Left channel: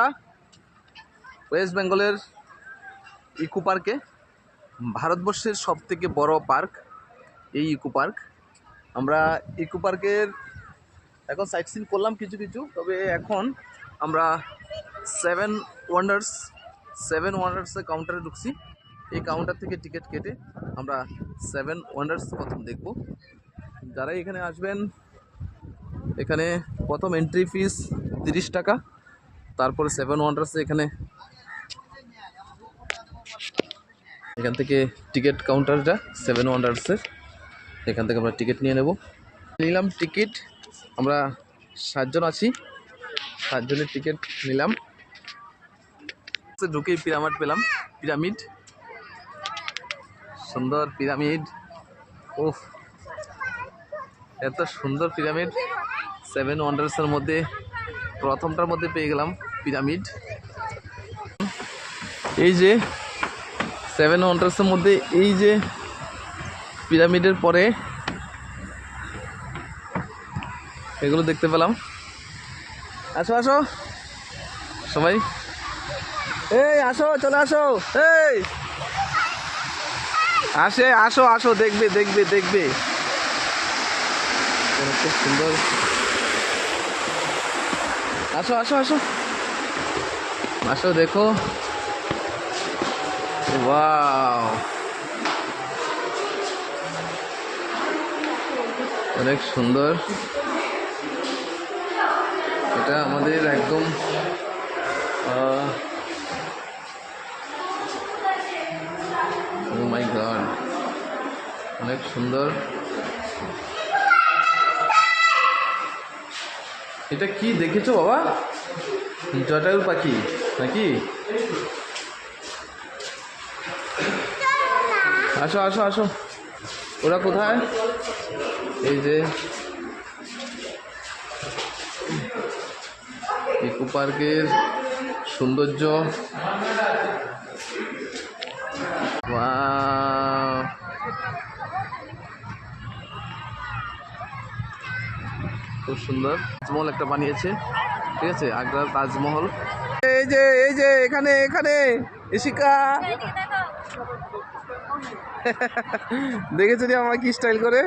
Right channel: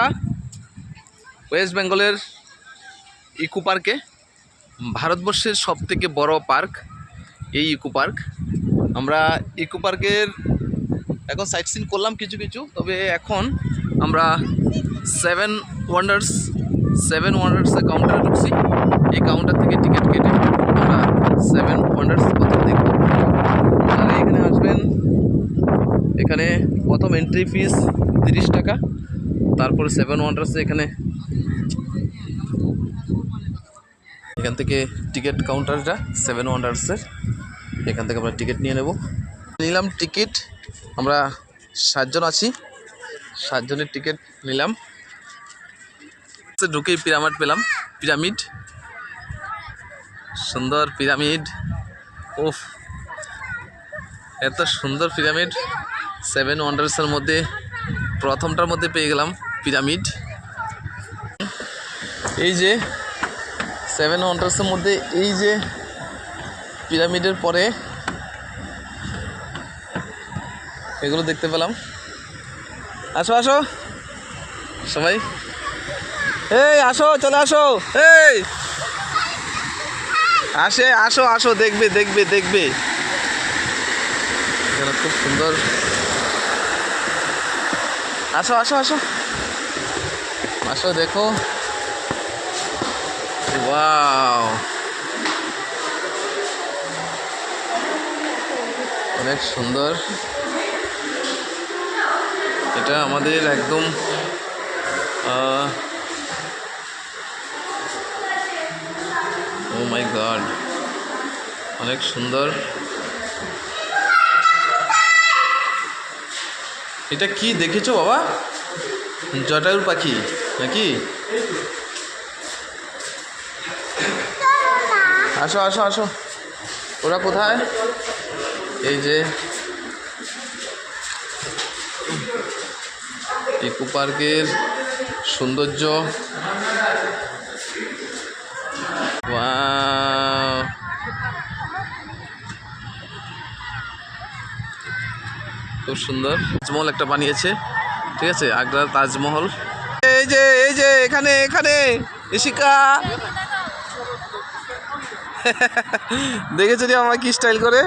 আমরা ওয়েস্ট বেঙ্গলের ইকো পার্কে, ভারতবর্ষের সবথেকে বড় পার্ক এই ইকো পার্ক। আমরা ইকো পার্কের এখন সাইট সিন করলাম কিছু কিছু, তবে এখন আমরা সেভেন ওয়ান্ডার্সের কাউন্টারে ঢুকছি। এই কাউন্টার থেকে টিকিট কেটে আমরা সেভেন ওয়ান্ডার্স প্রথম দেখব। যারা এখানে আসবেন, এখানে প্রথম এন্ট্রি ফিস 30 টাকা, তারপরে সেভেন ওয়ান্ডার্সে এখান থেকে টিকিট কাউন্টারটা সেভেন ওয়ান্ডার্সের, এখান থেকে আমরা টিকিট নিয়ে নেব। নিলাম টিকিট, আমরা 7 জন আছি, 7 জনের টিকিট নিলাম। ঢুকেই পিরামিড পেলাম, পিরামিড, সুন্দর পিরামিড। ওফ, এত সুন্দর পিরামিড! সেভেন ওয়ান্ডার্সের মধ্যে প্রথমটার মধ্যে পেয়ে গেলাম পিরামিড। এই যে সেভেন ওয়ান্ডার্সের মধ্যে এই যে পিরামিডের পরে এগুলো দেখতে পেলাম। আসো আসো সবাই, এই আসো, চলে আসো, এই আসো আসো, দেখবে দেখবে দেখবে, খুব সুন্দর। আসো আসো আসো আসো, দেখো, ওয়াও, অনেক সুন্দর। এটা আমাদের একদম ও মাই গড, অনেক সুন্দর। এটা কি দেখেছো বাবা? জটায়ুর পাখি নাকি? আসো আসো আসো, ওরা কোথায়? এই যে ইকো পার্কের সৌন্দর্য, ওয়াও, খুব সুন্দর। তাজমহল একটা বানিয়েছে, ঠিক আছে, আগ্রার তাজমহল। এই যে এখানে ইশিকা দেখেছো যে আমার কি স্টাইল করে।